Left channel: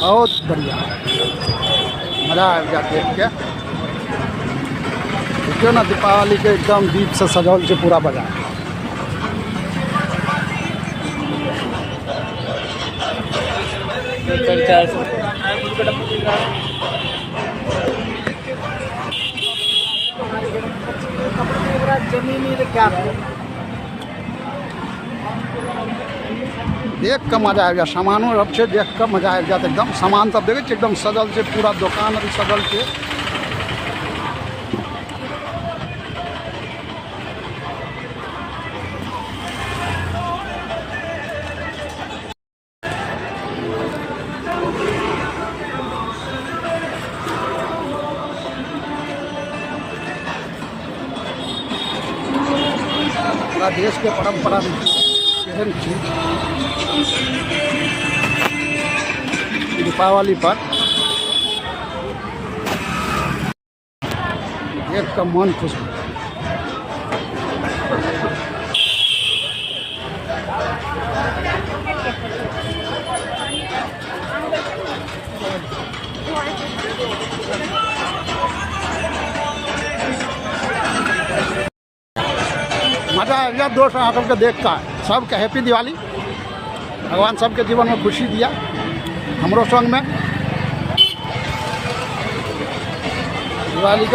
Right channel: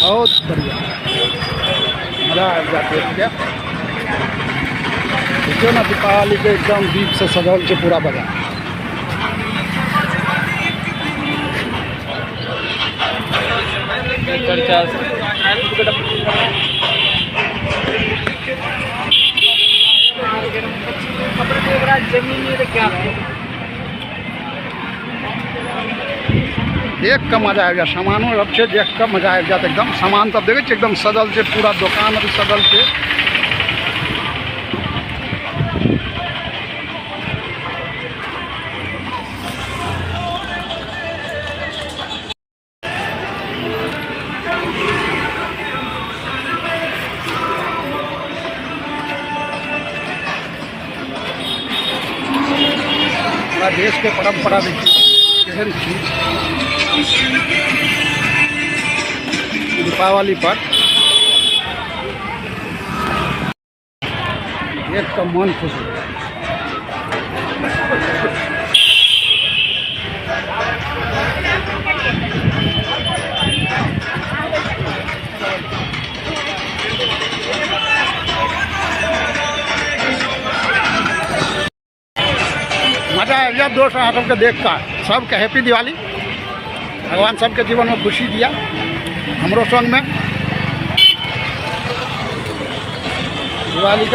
बहुत बढ़िया, मज़ा आ गया देख के। देखियो ना दीपावली के एकदम दीप से सजौल के पूरा बाजार। देख के मजा आ गया, सामानो सब छे देख के मजा आ गया एकदम। सामान सब देखे एकदम सजल छे, पूरा दुकान अभी सजल छे। पूरा देश के परंपरा देखिए केहन चीज दीपावली पर देख कर मन खुश हो गया। मजा आ गया दोस्त यहाँ सबके देख कर। सबके हैप्पी दिवाली, भगवान सबके जीवन में खुशी दिया, हमरो संग में दिवाली के